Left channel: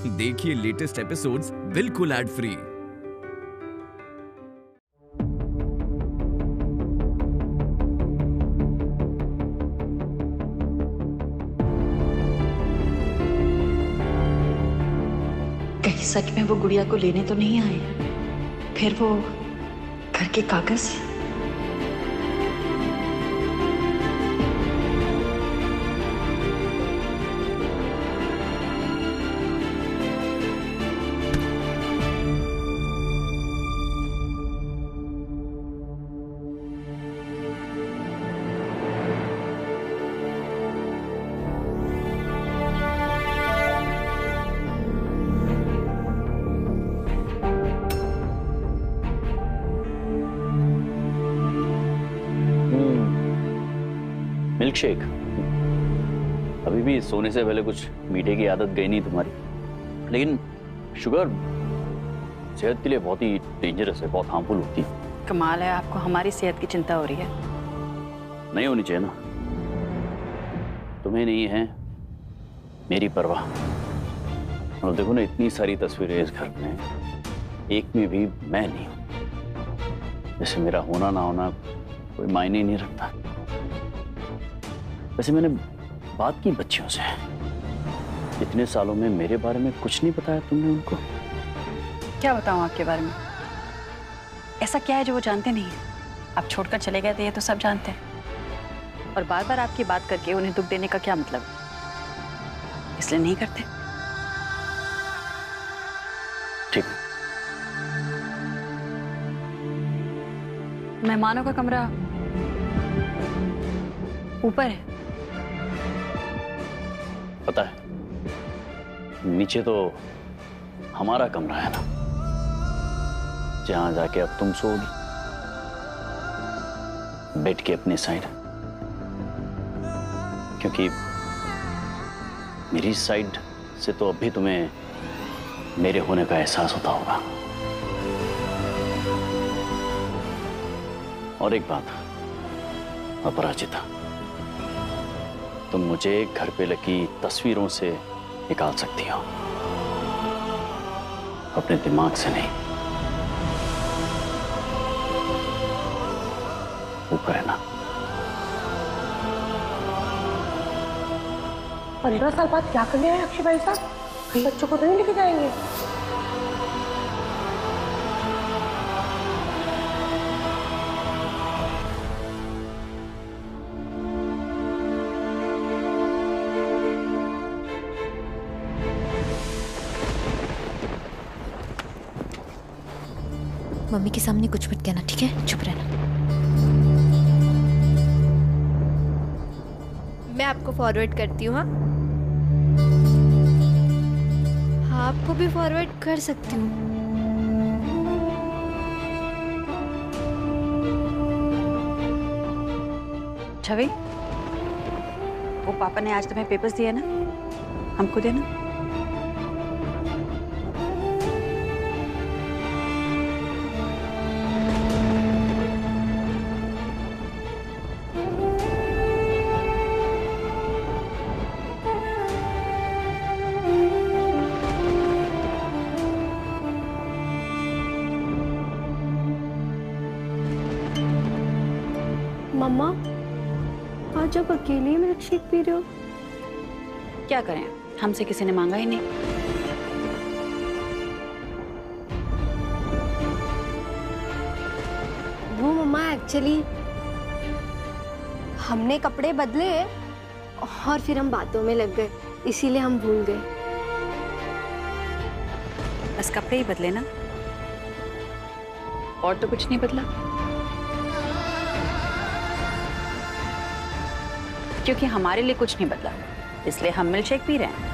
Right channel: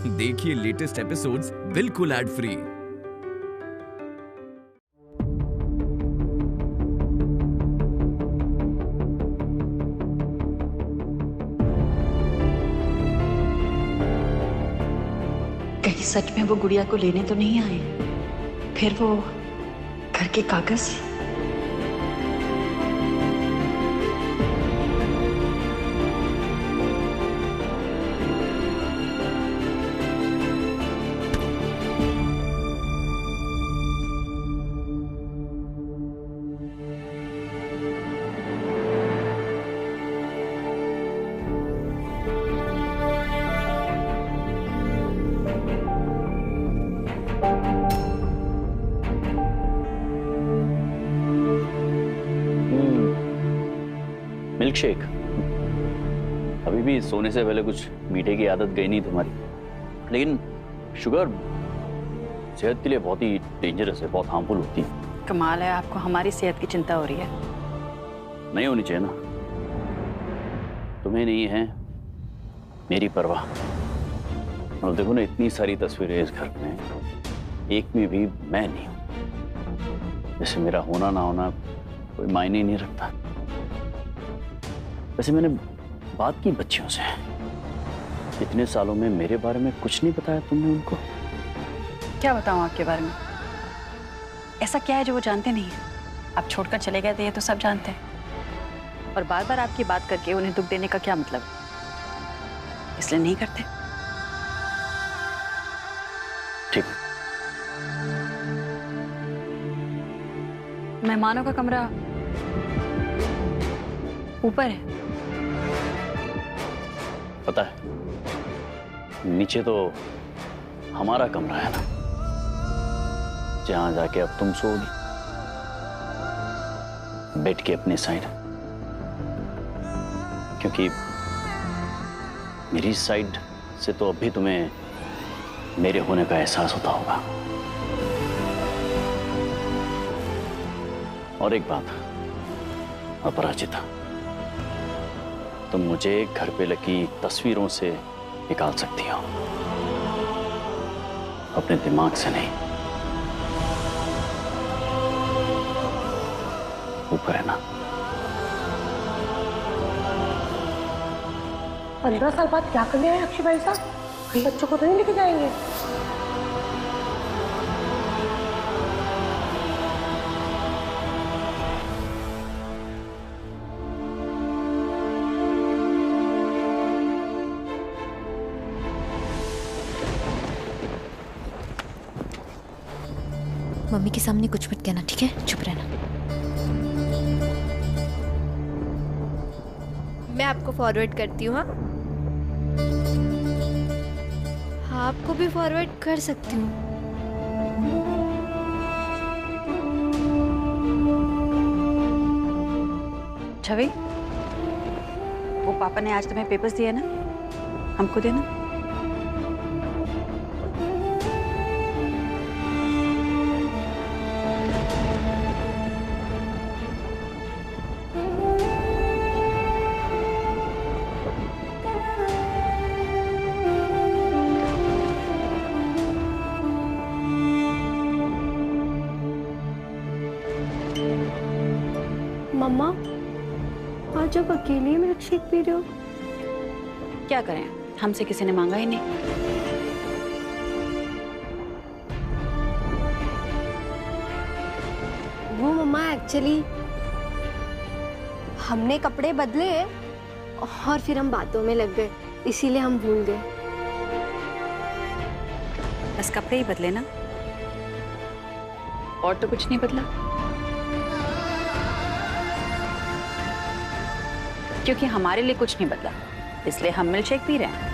देखिए latest episodes बिल्कुल ad free. कहीं सच में वो गुड़िया को लेने तो नहीं आए? फिर वो घर के कागज? Milk shake. अभी भी सोने से पहले कुछ मीठे की आदत गई नहीं तुम्हारी, लेकिन शुगर सेहत के लिए बहुत ही डेंजरस है, बहुत हार्मफुल होती है। कमाल है, आपको हमारी सेहत की चिंता हो रही है। नहीं होनी चाहिए ना, तुम्हें नहीं है मेरी परवाह। और देखो ना, इतनी सारी तस्वीरें इस घर में, एक में भी मैं नहीं हूं। जैसे मेरा होना ना होना कोई मायने ही नहीं रखता। वैसे मैंने बात की बच्चियों से, इतने सालों में मेरे बारे में कुछ नहीं बताया तुमने उनको। क्या बताऊं आपके बारे में? ऐसा क्या है जो वो जानते नहीं है? आप छोड़कर चले गए थे ये तो सब जानते हैं, और बार बार आपकी बात करके उन्हें दुख देने का क्या मतलब? इसलिए नहीं करते। ठीक। मेहमानों का कमरा ऊपर है। पता है, नीचे तो हमारा कमरा है ना, जहां जाके अब तुम सोओगी, बेड के अपने साइड। क्योंकि मेरी साइड से तो अभी तुम्हें मेरे होने का एहसास होता होगा। और एक बात अपराजिता, तुम मुझे घर पे लगी तस्वीरों से निकाल सकती हो, अपने दिमाग से नहीं। ऊपर है ना। 15 साल बाद क्या करने आए अक्षय भाई साहब? कहीं बच्चों को तो नहीं लेके जाएंगे? मम्मी के सामने कुछ मत कहना, ठीक है? चुप रहना। मैं आपको फॉरवर्ड करती हूँ। हाँ, आपको भी फॉरवर्ड कर सकती हूँ। छवि, वो पापा ने आज तुम्हें पेपर्स दिए ना, हमको देना। मम्मा, आज आप अकेले मिल्क शेक पी रहे हो? क्या करें, हमसे किसी ने मांगा ही नहीं। वो मम्मा, एक्चुअली हमने कपड़े बदले और फिर हम बातों में लग गए, इसीलिए हम भूल गए। बस कपड़े ही बदले ना, और तो कुछ नहीं बदला। क्योंकि हमारे लिए कुछ नहीं बदला, इसलिए हम मिल्क शेक पी रहे हैं।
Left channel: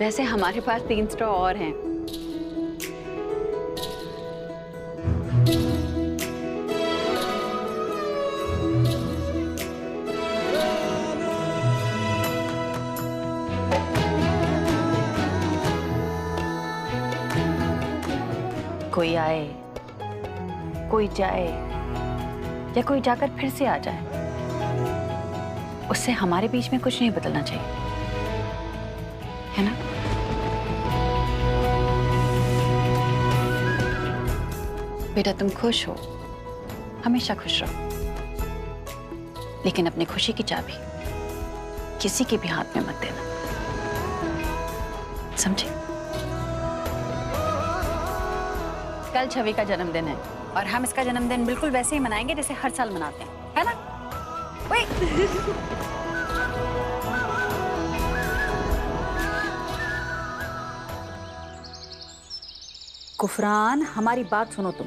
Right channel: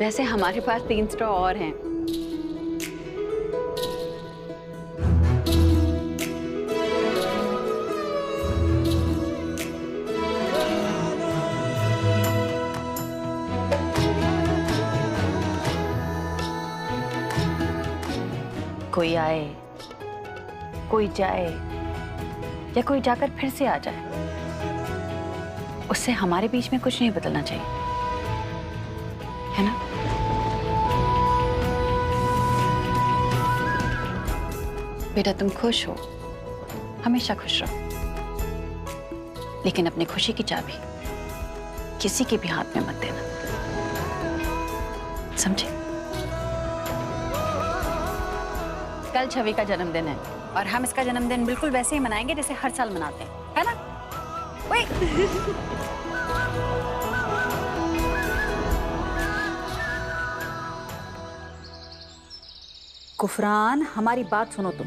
वैसे हमारे पास 3 स्ट्रॉ और हैं। कोई आए कोई जाए या कोई जाकर फिर से आ जाए, उससे हमारे बीच में कुछ नहीं बदलना चाहिए, है ना? बेटा तुम खुश हो, हमेशा खुश रहो, लेकिन अपनी खुशी की चाबी किसी के भी हाथ में मत देना, समझे? कल छवि का जन्मदिन है और हम इसका जन्मदिन बिल्कुल वैसे ही मनाएंगे जैसे हर साल मनाते हैं, है ना? कुफरान, हमारी बात सुनो तुम।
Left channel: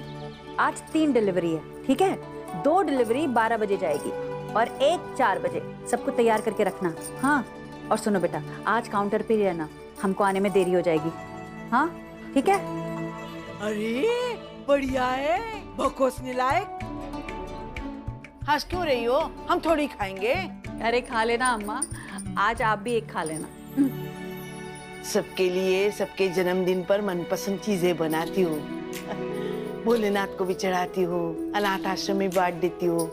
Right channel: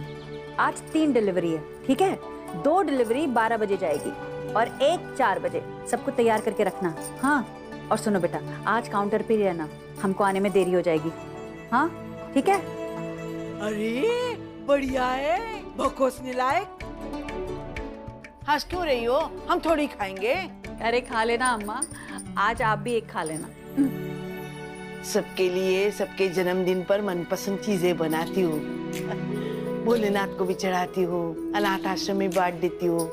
आज 3 डिलीवरी है, ठीक है? 2 डिलीवरी 12 बजे जाएगी और 1 4 बजे। सबको तैयार करके रखना। हाँ, और सुनो बेटा, आज काउंटर पे ही रहना, हमको आने में देरी हो जाएगी। हाँ ठीक है? अरे बढ़िया है, बखोसने लायक। हंस क्यों रही हो? हम थोड़ी खाएंगे। अरे खा लेना अम्मा, आज आप भी एक खा लेना। सबके लिए सबके जन्मदिन पर मनपसंद चीजें बनाती हूँ। भोलेनाथ को भी चढ़ाती हूँ, अनाथ आश्रम में बांट देती हूँ,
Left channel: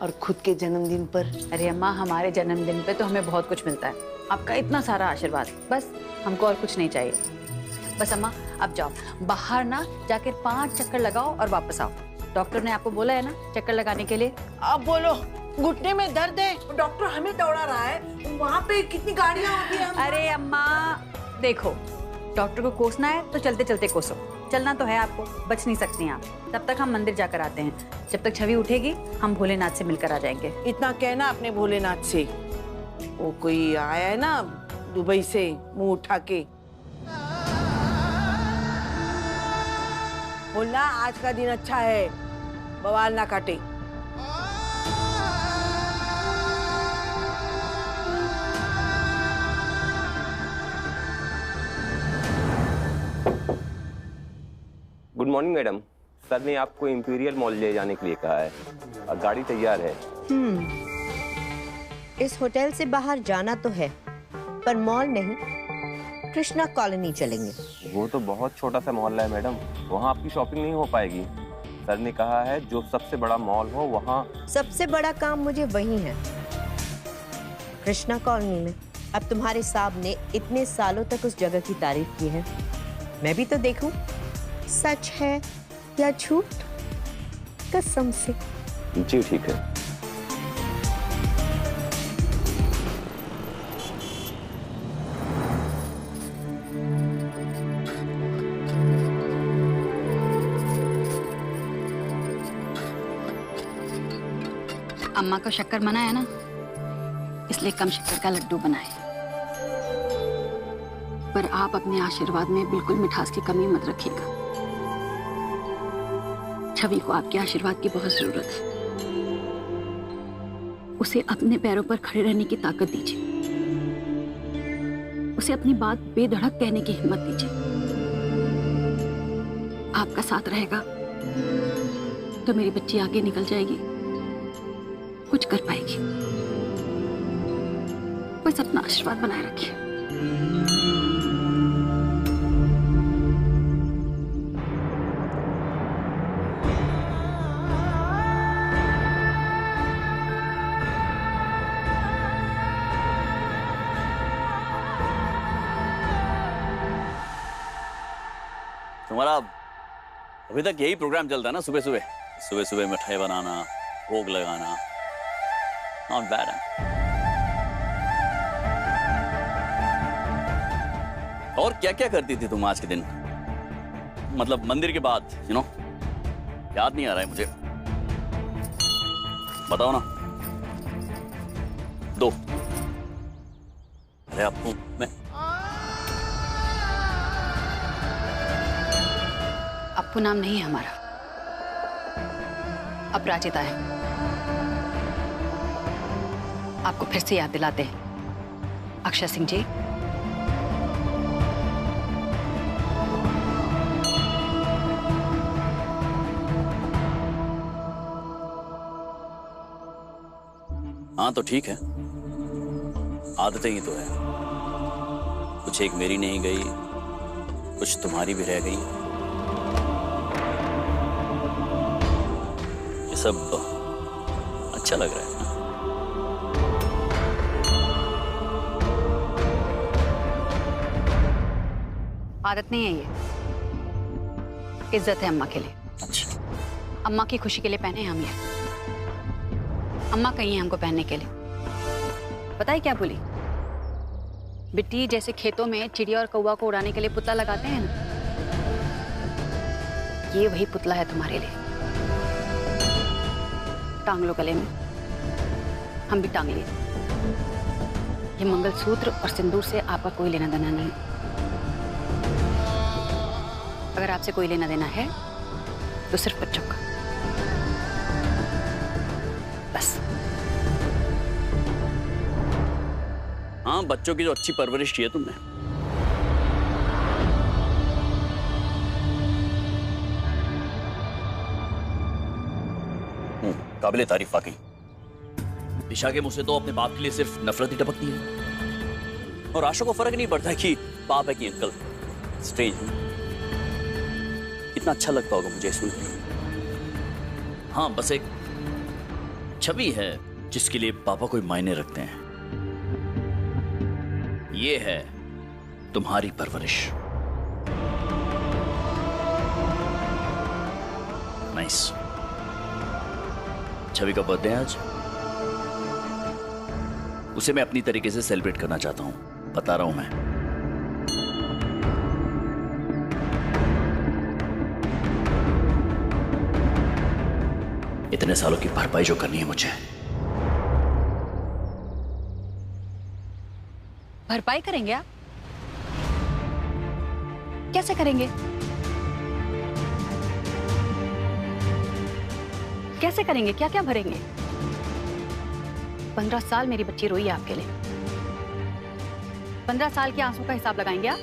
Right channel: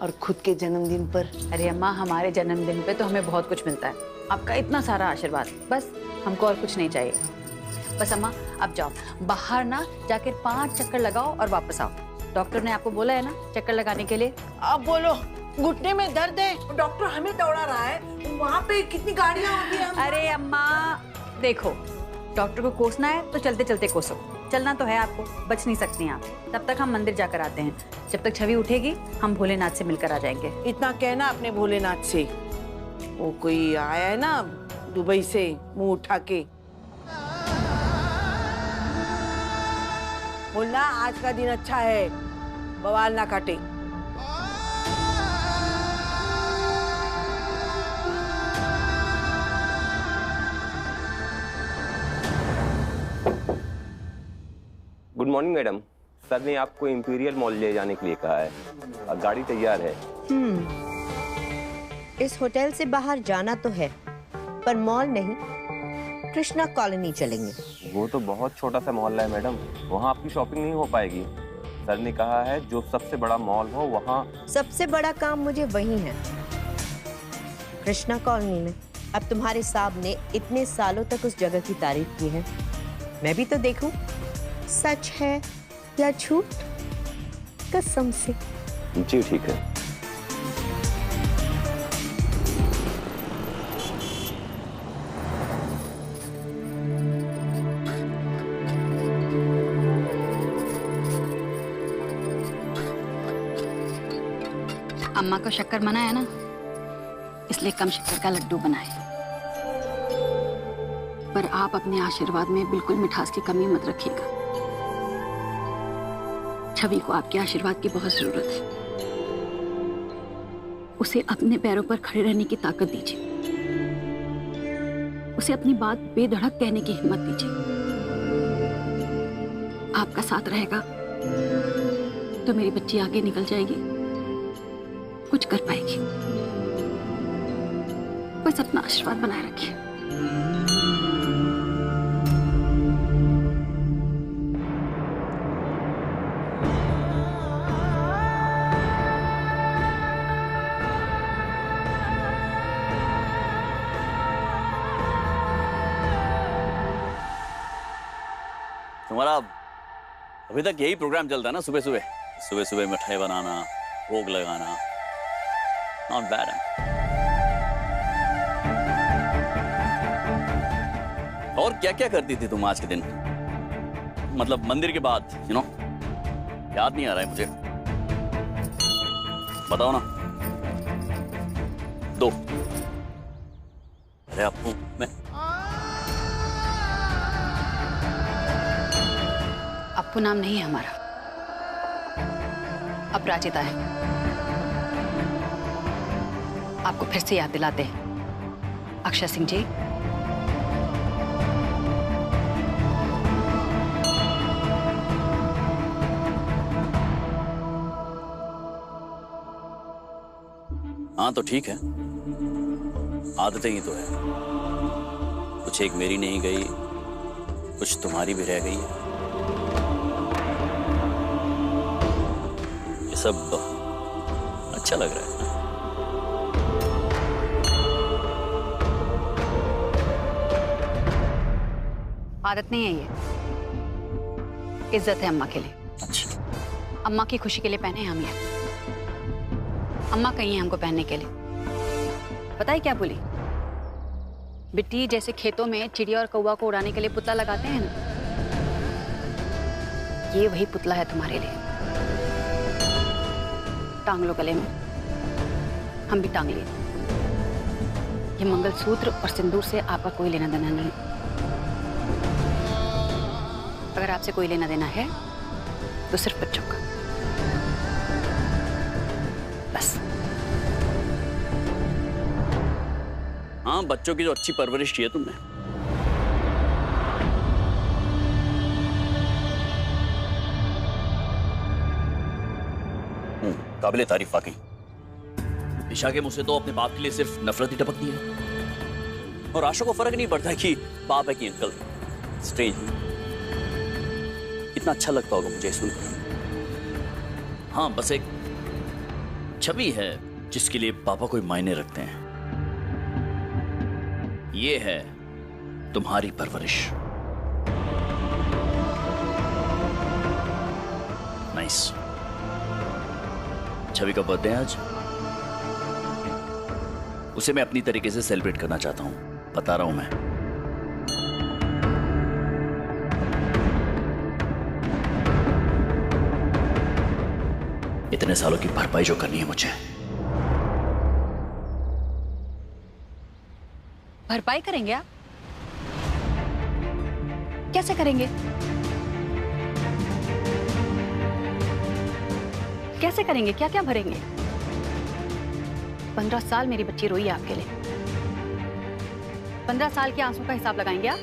और खुद के जन्मदिन पर। अरे अम्मा, हमारे जन्मदिन पे तो हमें बहुत कुछ मिलता है, आपका इतना सारा आशीर्वाद, बस हमको और कुछ नहीं चाहिए। बस अम्मा अब जाओ, बाहर ना जाकर 5 चक्कर लगाओ और वापस आओ। डॉक्टर ने आपको बोला है ना चक्कर लगाने के लिए। अब बोलो, घुटने में दर्द है, डॉक्टर हमें दौड़ा रहा है, वहाँ पे कितनी गाड़ियाँ होती है। अरे अम्मा देखो, डॉक्टर को कोसना है तो चलते चलते कोसो, चलना तो है आपको, बच नहीं सकती आप। तब तक हम मंदिर जाकर आते हैं, जब तक छवि उठेगी हम भोलेनाथ से मिलकर आ जाएंगे। इतना कहना अपने भोलेनाथ से, वो कोई आया है ना दुबई से मुंह उठा के, बोलना आज का दिन अच्छा है, बवाल ना काटे। गुड मॉर्निंग मैडम, सर ने आपको इंपीरियल मॉल ले जाने के लिए कहा है, गाड़ी तैयार है। इस होटल से बाहर जाना तो है, पर मॉल नहीं, कृष्णा कॉलोनी चलेंगे। वो तो बहुत छोटा सा मोहल्ला है मैडम, वहाँ आपकी शॉपिंग नहीं हो पाएगी। सर ने कहा है जो सबसे बड़ा मॉल हो वहाँ। सबसे बड़ा काम मुझे वही है, कृष्णा कॉलोनी में। अब तुम्हारे साहब ने इतने सालों तक उस जगह की तारीफ की है, मैं भी तो देखूं सच है या झूठ, कसम से। जी ठीक है। अम्मा को शक्कर मना है ना, इसलिए कम शक्कर का लड्डू बनाए। पर आप अपने आशीर्वाद में बिल्कुल मिठास की कमी मत रखिएगा। छवि को आपके आशीर्वाद की बहुत जरूरत है, उसे अपने पैरों पर खड़े रहने की ताकत दीजिए, उसे अपनी बात बेधड़क कहने की हिम्मत दीजिए। आपका साथ रहेगा तो मेरी बच्ची आगे निकल जाएगी, कुछ कर पाएगी। बस अपना आशीर्वाद बनाए रखिए। तुम्हारा अभी तक यही प्रोग्राम चलता है ना, सुबह सुबह सुबह सुबह मिठाई बनाना, भोग लगाना। नॉट बैड है। और क्या क्या करती थी तुम आज के दिन, मतलब मंदिर के बाद? याद नहीं आ रहा है मुझे, बताओ ना। दो। अरे आपको मैं अप्पू नाम नहीं है हमारा, अपराजिता है। आपको फिर से याद दिलाते हैं, अक्षय सिंह जी। हाँ तो ठीक है, आदतें ही तो है, कुछ एक मेरी नहीं गई, कुछ तुम्हारी भी रह गई है। सब अच्छा लग रहा है। आदत नहीं है ये, इज्जत है अम्मा के लिए। अच्छा, अम्मा की खुशी के लिए पहने हैं हम ये। अम्मा कही है हमको पहनने के लिए। पता है क्या बोली? बिट्टी, जैसे खेतों में चिड़िया और कौवा को उड़ाने के लिए पुतला लगाते हैं ना, ये वही पुतला है तुम्हारे लिए। टांग लो गले में। हम भी टांग लिए। ये मंगलसूत्र और सिंदूर से आपका कोई लेना देना नहीं। अगर आपसे कोई लेना देना है तो सिर्फ बच्चों का, बस। हाँ, बच्चों की जो अच्छी परवरिश की है तुमने। काबिले तारीफ वाकई। दिशा के मुंह से तो अपने बाप के लिए सिर्फ नफरत ही टपकती है, और आशा को फर्क नहीं पड़ता कि बाप है कि अंकल। स्ट्रेंज, कितना अच्छा लगता होगा मुझे सुनकर। हाँ, बस एक छवि है जिसके लिए पापा कोई मायने रखते हैं। ये है तुम्हारी परवरिश। नाइस। छवि का बर्थडे है आज। उसे मैं अपनी तरीके से सेलिब्रेट करना चाहता हूं, बता रहा हूं मैं। इतने सालों की भरपाई जो करनी है मुझे। भरपाई करेंगे आप? कैसे करेंगे? कैसे करेंगे? क्या क्या भरेंगे? 15 साल मेरी बच्ची रोई है आपके लिए। 15 साल के आंसू का हिसाब लगाएंगे आप?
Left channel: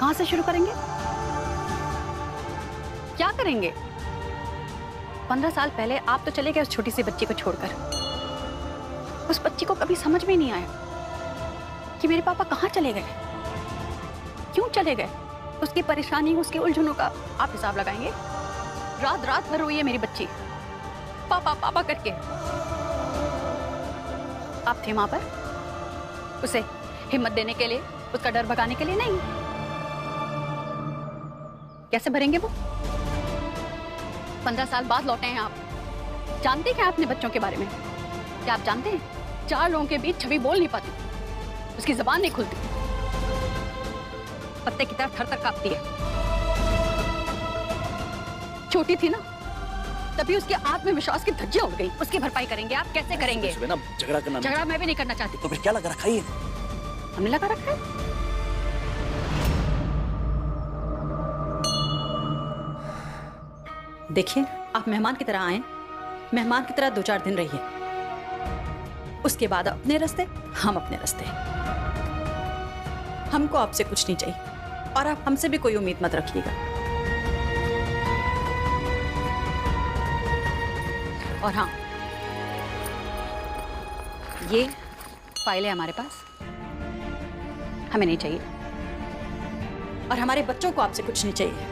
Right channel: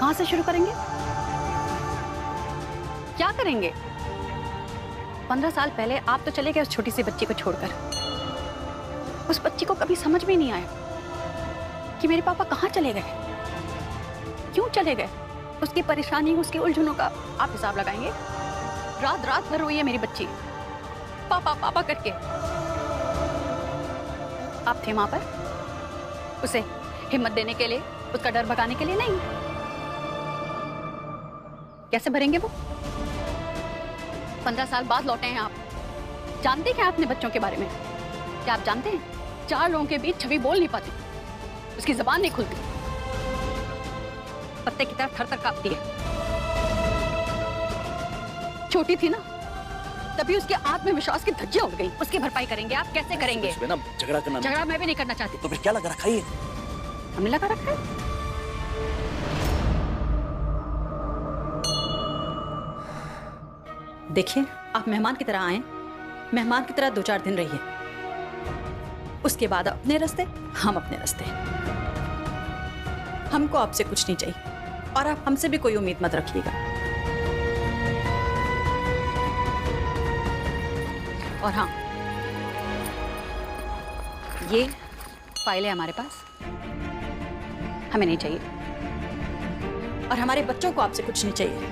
कहां से शुरू करेंगे? क्या करेंगे? 15 साल पहले आप तो चले गए उस छोटी सी बच्ची को छोड़कर। उस बच्ची को कभी समझ में नहीं आया कि मेरे पापा कहां चले गए, क्यों चले गए। उसकी परेशानी, उसकी उलझनों का आप हिसाब लगाएंगे? रात रात भर रोई है मेरी बच्ची, पापा पापा करके। आप थे वहां पर उसे हिम्मत देने के लिए, उसका डर भगाने के लिए? नहीं। कैसे भरेंगे वो? 15 साल बाद लौटे हैं आप। जानते क्या अपने बच्चों के बारे में? क्या आप जानते हैं 4 लोगों के बीच छवि बोल नहीं पाती, उसकी जबान नहीं खुलती, पत्ते की तरह थर थर कांपती है। छोटी थी ना, तभी उसके आत्मविश्वास की धज्जियां उड़ गई। उसकी भरपाई करेंगे आप? कैसे करेंगे? ना झगड़ा करना। झगड़ा मैं भी नहीं करना चाहती। तो फिर क्या लगा रखा है? हमने लगा रखा है। देखिए, आप मेहमान की तरह आए, मेहमान की तरह 2-4 दिन रहिए, उसके बाद अपने रास्ते, हम अपने रास्ते। हमको आपसे कुछ नहीं चाहिए और आप हमसे भी कोई उम्मीद मत रखिएगा। और हाँ, ये फाइल है हमारे पास, हमें नहीं चाहिए, और हमारे बच्चों को आपसे कुछ नहीं चाहिए।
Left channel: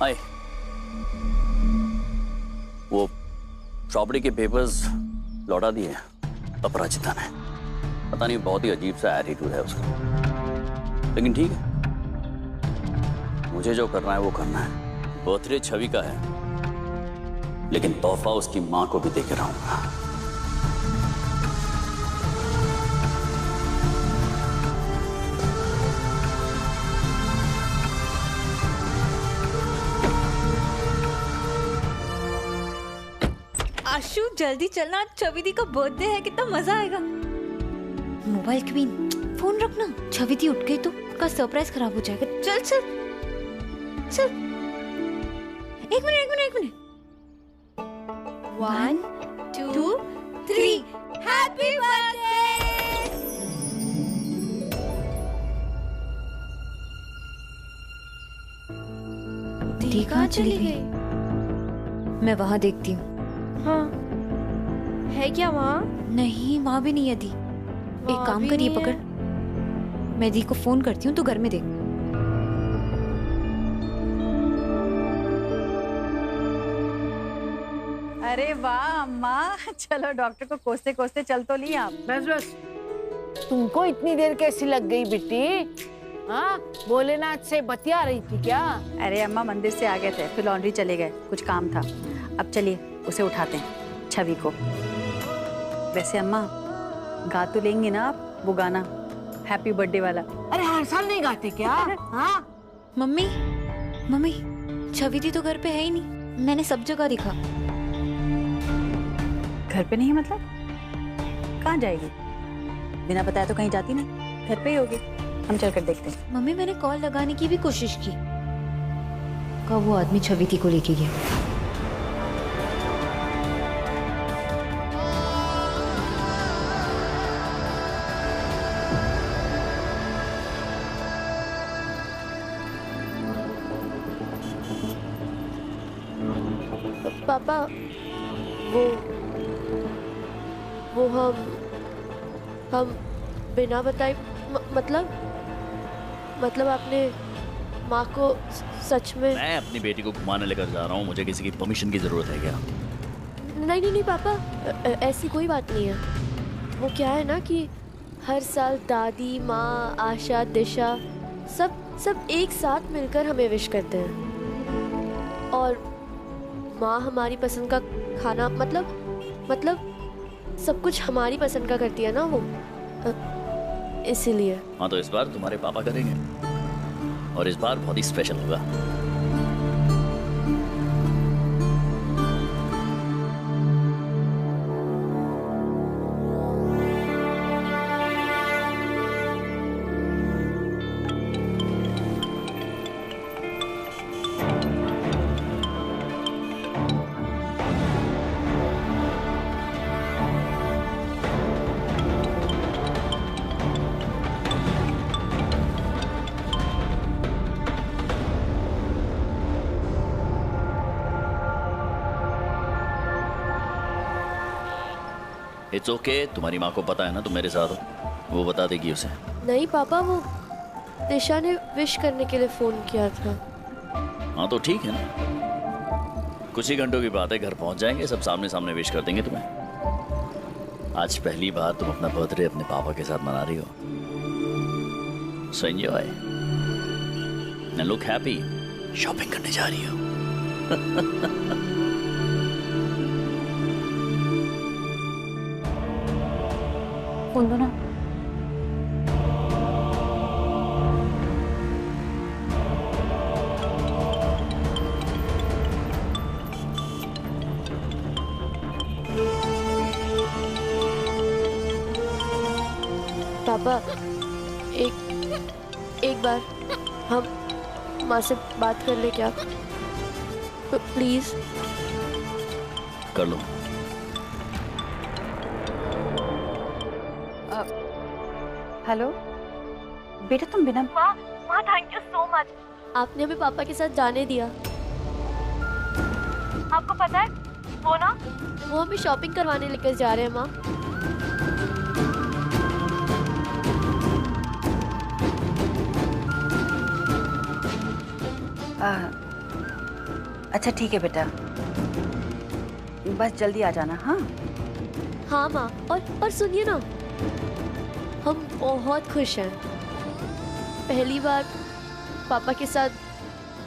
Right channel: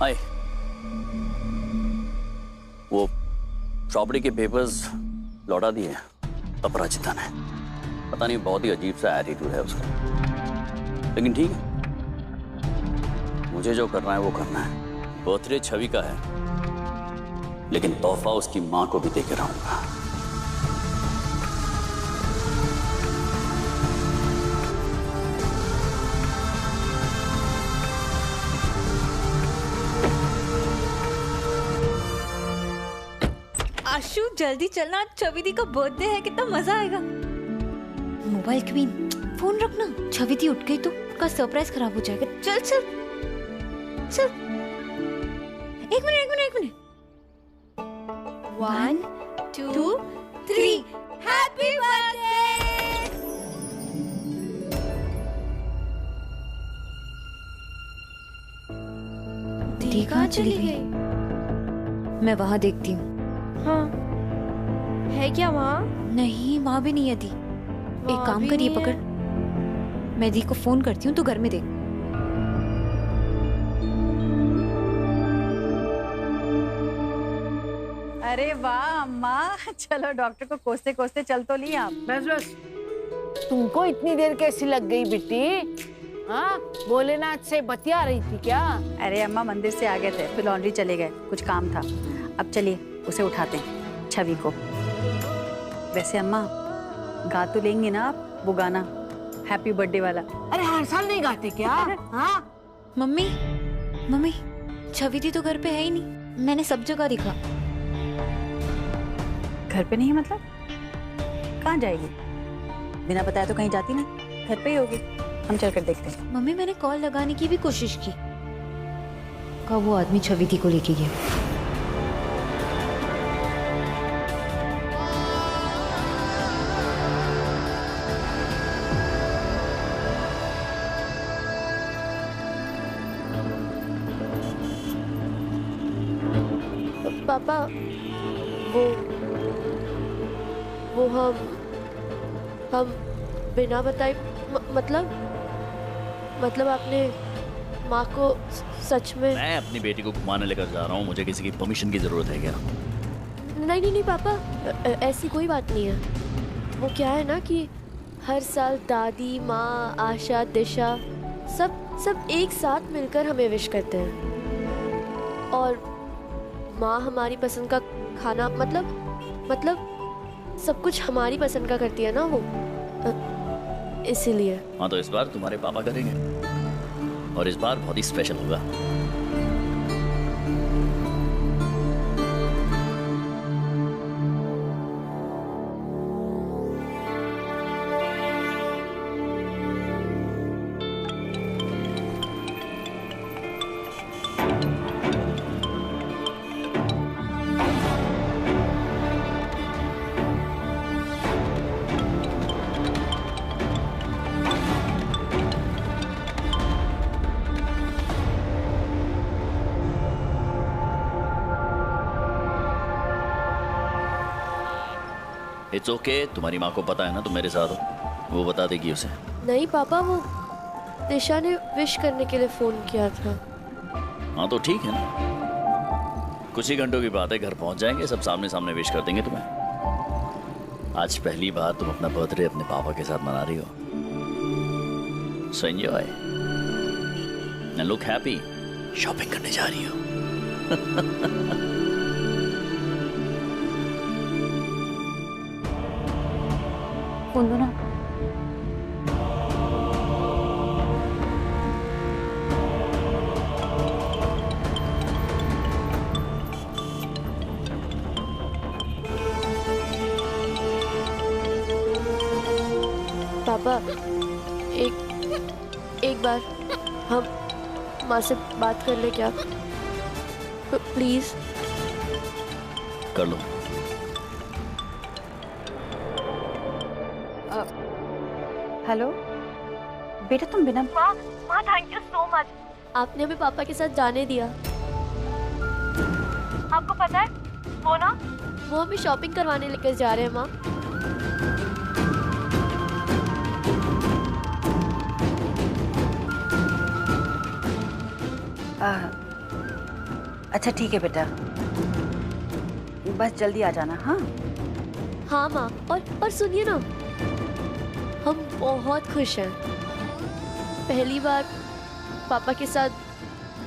हाय, वो प्रॉपर्टी के पेपर्स लौटा दिए अपराजिता ने। पता नहीं, बहुत ही अजीब सा एटीट्यूड है उसका, लेकिन ठीक है, मुझे जो करना है वो करना है। बर्थडे छवि का है, लेकिन तोहफा उसकी मां को भी देके रहूंगा। आशु, जल्दी चलना, छवि दी का बर्थडे है, कितना मजा आएगा। मोबाइल क्वीन, फोन रखना। छवि दी उठ गई तो उसका सरप्राइज खराब हो जाएगा। चल चल चल। एक मिनट। 1 2 3 happy birthday. अधी कहाँ चली गई? मैं वहां देखती हूँ। हाँ, है क्या वहाँ? नहीं, वहां भी नहीं अधी। एक काम करिए, पकड़, मैं अधी को फोन करती हूँ, तो घर में देख। अरे वाह अम्मा, चलो डॉक्टर को कोसते कोसते चल तो ली आप। बस बस, तुमको इतनी देर कैसी लग गई बेटी? हाँ, भोलेनाथ से बतिया रही थी क्या? अरे अम्मा मंदिर से आ गए थे, फिर लॉन्ड्री चले गए, कुछ काम था। अब चलिए उसे उठाते हैं, छवि को। वैसे अम्मा गा तो लेंगे ना आप वो गाना, हैप्पी बर्थडे वाला? अरे हर साल नहीं गाते क्या? हाँ मम्मी, मम्मी, छवि दी तो घर पे है ही नहीं, मैंने सब जगह दिखा। घर पे नहीं मतलब? कहाँ जाएगी? बिना बताया तो कहीं जाती नहीं, घर पे ही होगी। हम चलकर देखते हैं। मम्मी, मैंने कॉल लगाने की भी कोशिश की, कब वो आदमी छवि दी को लेके गया। पापा, वो हम बिना बताए मतलब आपने माँ को सच में? मैं अपनी बेटी को घुमाने लेकर जा रहा हूँ, मुझे किसी की परमिशन की जरूरत है क्या? नहीं पापा, ऐसी कोई बात नहीं है। वो क्या है ना कि हर साल दादी, माँ, आशा, दिशा सब एक साथ मिलकर हमें विश करते हैं। और माँ हमारी पसंद का खाना मतलब सब कुछ हमारी पसंद का करती है ना वो, इसीलिए। हाँ, तो इस बार तुम्हारे पापा करेंगे, और इस बार बहुत ही स्पेशल होगा। इट्स ओके, तुम्हारी माँ को पता है ना तुम मेरे साथ हो, वो बता देगी उसे। नहीं पापा, वो दिशा ने विश करने के लिए फोन किया था। हाँ तो ठीक है ना, कुछ ही घंटों की बात है, घर पहुंच जाएंगे, सब सामने सामने विश कर देंगे तुम्हें। आज पहली बार तुम अपना बर्थडे अपने पापा के साथ मना रही हो, so enjoy and look happy. Shopping करने जा रही हो। फोन दो ना। पापा, एक बार हम माँ से बात कर ले क्या, प्लीज? कर लो। हेलो बेटा, तुम बिना माँ थैंक यू सो मच, आपने हमें पापा के साथ जाने दिया। आपको पता है वो हमें शॉपिंग करवाने लेकर जा रहे हैं माँ। अच्छा ठीक है बेटा, बस जल्दी आ जाना। हाँ हाँ माँ, और सुनिए ना, हम बहुत खुश हैं, पहली बार पापा के साथ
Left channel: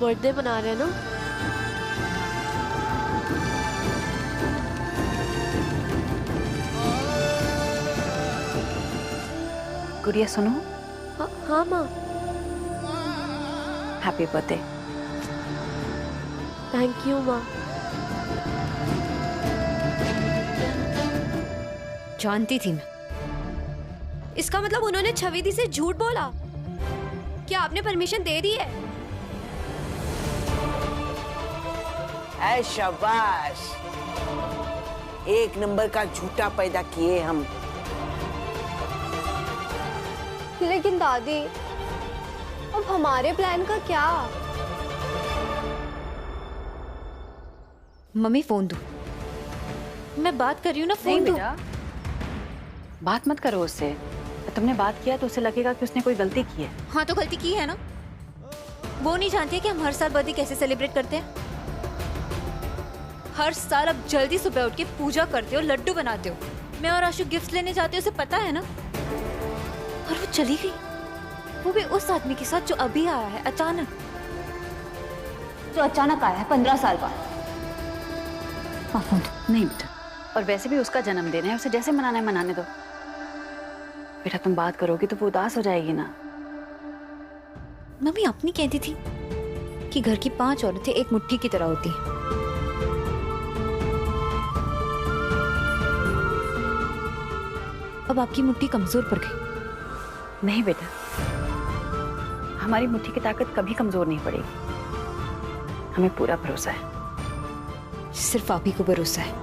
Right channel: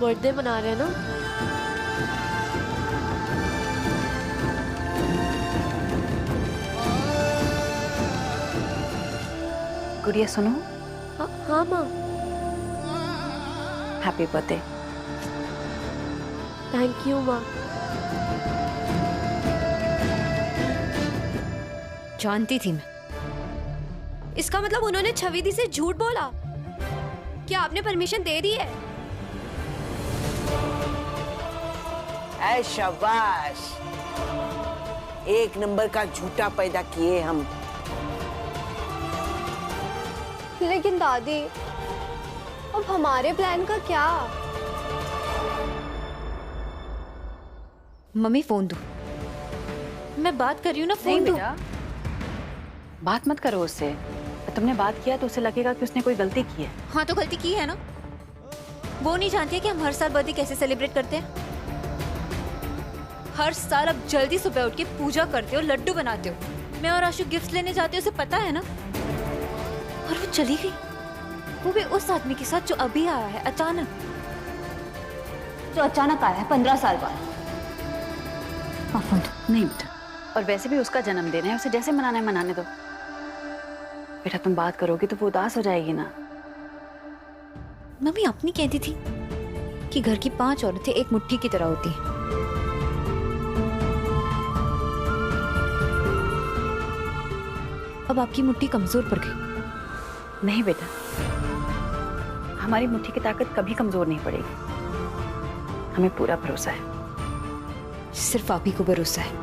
बर्थडे मना रहे हैं ना। गुड़िया सुनो। हाँ माँ। Happy birthday. थैंक यू माँ। जानती थी मैं। इसका मतलब उन्होंने छवि दी से झूठ बोला? क्या आपने परमिशन दे दी है? ऐ शाबाश, एक नंबर का झूठा पैदा किए हम। लेकिन दादी, अब हमारे प्लान का क्या? मम्मी फोन दो, मैं बात कर रही हूँ ना, नहीं फोन दो। बेटा, बात मत करो उससे। तुमने बात किया तो उसे लगेगा कि उसने कोई गलती की है। हाँ तो गलती की है ना। वो नहीं जानती है कि हम हर साल बर्थडे कैसे सेलिब्रेट करते हैं। हर साल अब जल्दी सुबह उठ के पूजा करते हो, लड्डू बनाते हो, मैं और आशु गिफ्ट लेने जाते हो, उसे पता है ना। और वो चली गई, वो भी उस आदमी के साथ जो अभी आया है अचानक, जो अचानक आया है 15 साल बाद। हाँ फोन दो। नहीं बेटा, और वैसे भी उसका जन्मदिन है, उसे जैसे मनाना है मनाने दो। बेटा तुम बात करोगी तो वो उदास हो जाएगी ना। मम्मी अपनी कहती थी कि घर की 5 औरतें एक मुट्ठी की तरह होती हैं। अब आपकी मुट्ठी कमजोर पड़ गई। नहीं बेटा, हमारी मुट्ठी की ताकत कभी कमजोर नहीं पड़ेगी। हमें पूरा भरोसा है। सिर्फ आप ही को भरोसा है।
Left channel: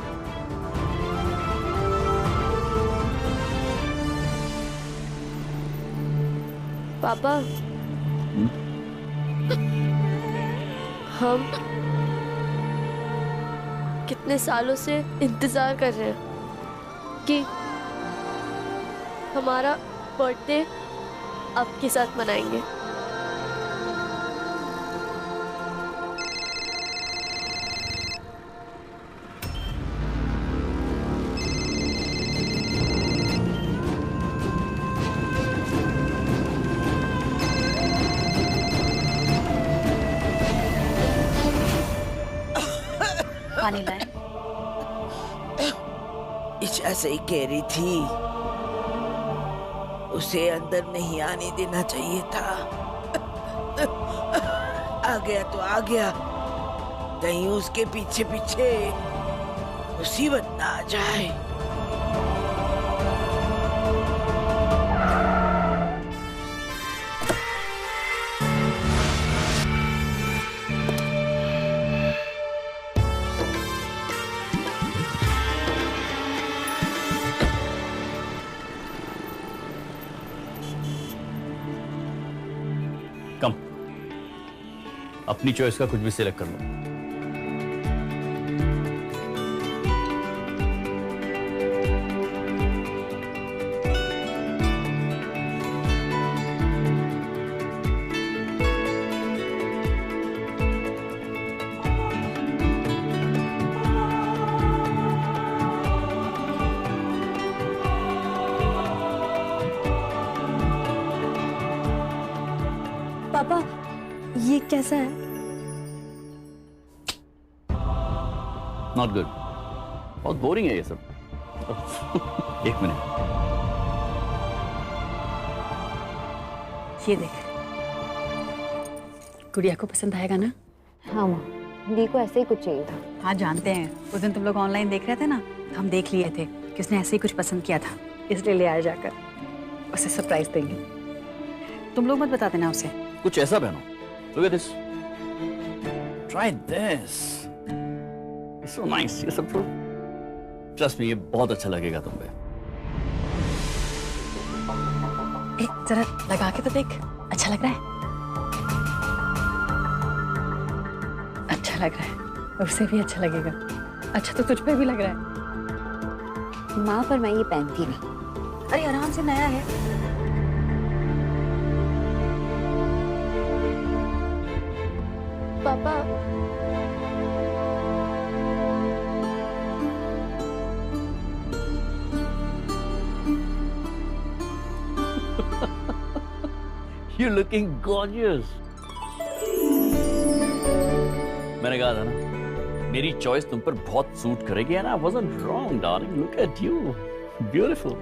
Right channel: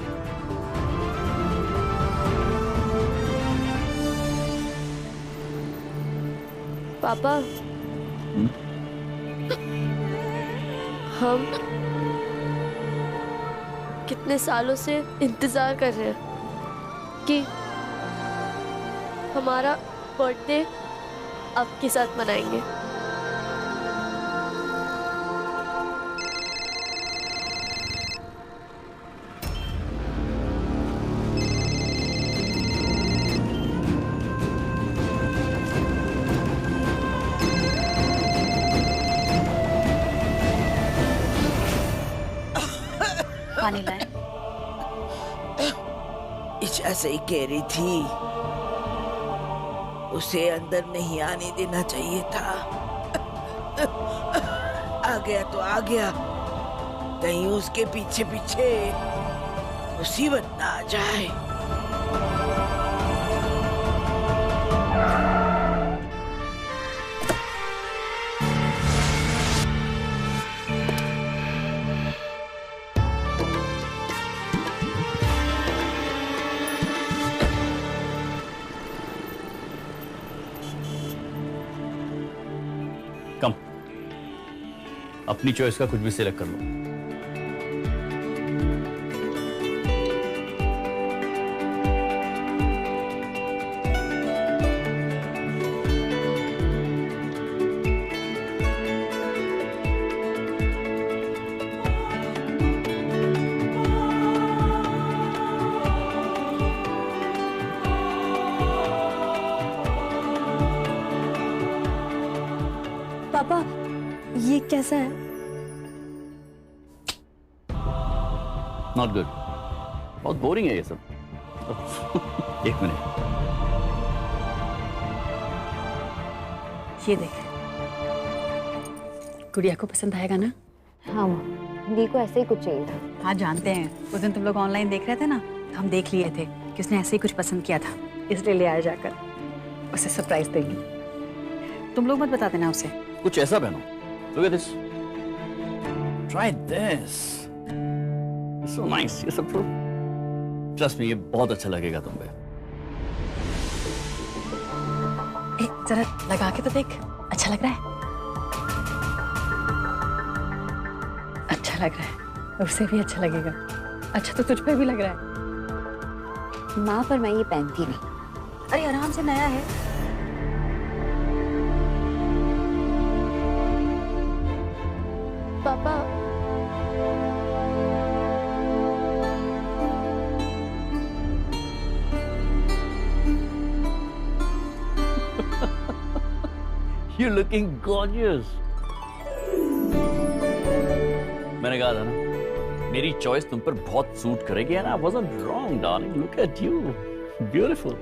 पापा, हम कितने सालों से इंतजार कर रहे हैं कि हमारा बर्थडे आपके साथ मनाएंगे। पानी लाएं? ईशा सही कह रही थी, उसे अंदर नहीं आने देना चाहिए था। आ गया तो आ गया, कहीं उसके पीछे पीछे मुसीबत ना आ जाए। कम, अपनी चॉइस का कुछ भी सिलेक्ट कर लो। पापा, ये कैसा है? नॉट गुड, बहुत बोरिंग है ये सब। एक मिनट, ये देख, गुड़िया को पसंद आएगा ना? हाँ माँ, दी को ऐसे ही कुछ चाहिए था। हाँ जानते हैं, उस दिन तुम लोग ऑनलाइन देख रहे थे ना, तो हम देख लिए थे कि उसने ऐसे ही कुछ पसंद किया था, इसलिए ले आया जाकर उसे सरप्राइज देंगे। तुम लोग मत बता देना उसे। कुछ ऐसा पहनो। Look at this. Try this. It's so nice. ये सब तो Trust me, ये बहुत अच्छा लगेगा तुम पे। जरा लगा के तो देख, अच्छा लग रहा है? अच्छा लग रहा है, उसे भी अच्छा लगेगा। अच्छा तो तुझ पे भी लग रहा है। माँ पर मैं ये पहनती नहीं। अरे आराम से, नया है। पापा, You're looking gorgeous. मैंने कहा था ना, मेरी चॉइस तुम पर बहुत सूट करेगी, and I wasn't wrong, darling. Look at you, beautiful.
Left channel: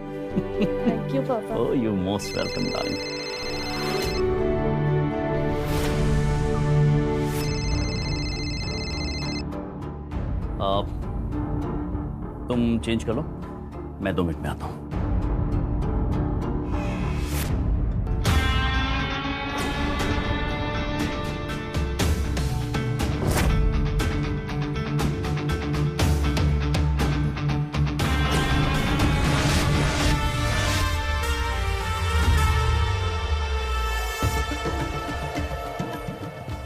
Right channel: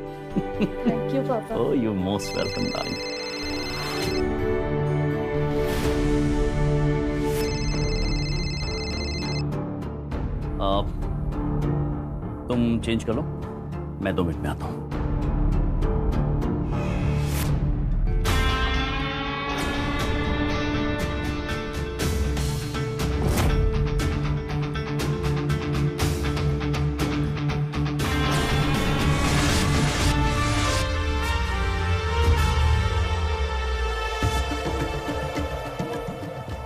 Thank you पापा। Oh, you're most welcome, darling. तुम चेंज कर लो, मैं 2 मिनट में आता हूं।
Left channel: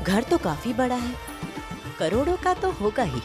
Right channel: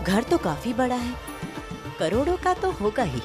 घर तो काफी बड़ा है, करोड़ों का तो होगा ही।